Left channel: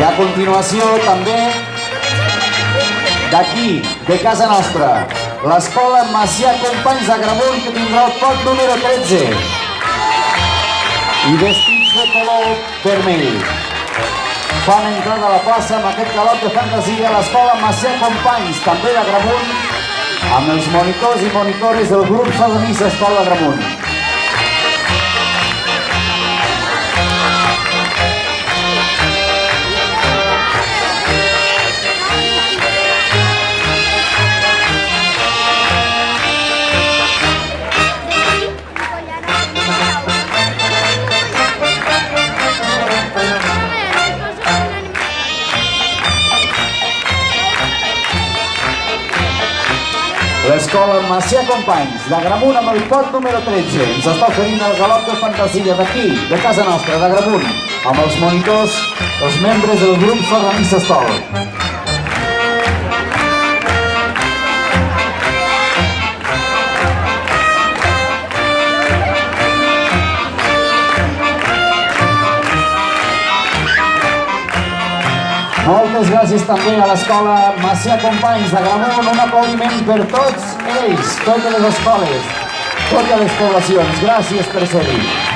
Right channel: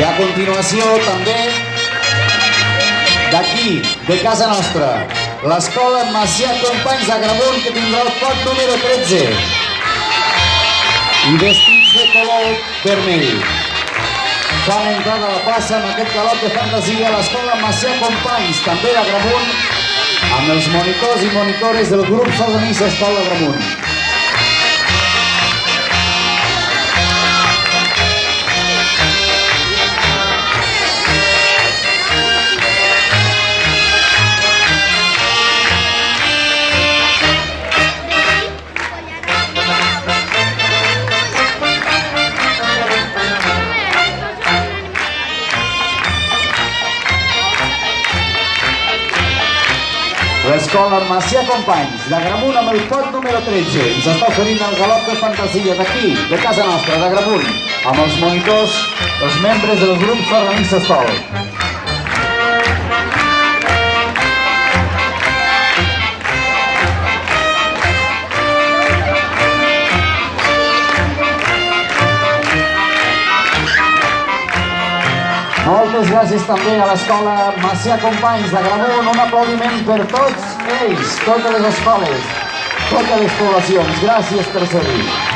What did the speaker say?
I a continuació també d'aquí, de casa nostra, l'escola Macià Companys d'Agramunt, que tindrà el pot número 13 i vestits de color vermell. Fan entrada a la plaça amb aquest galop de fantasia l'escola Macià Companys, també d'Agramunt, amb els monitors i monitores del grup sardanista Escola d'Agramunt. L'escola Macià Companys d'Agramunt amb el pot número 13 ens està oferint el galop de fantasia d'aquí, de casa nostra, d'Agramunt, amb els monitors, els membres del grup sardanista Escola. Moltes gràcies també a l'escola Macià Companys d'Agramunt. Un aplaudiment per tots ells, totes les escoles, totes les poblacions. Gràcies per ser-hi.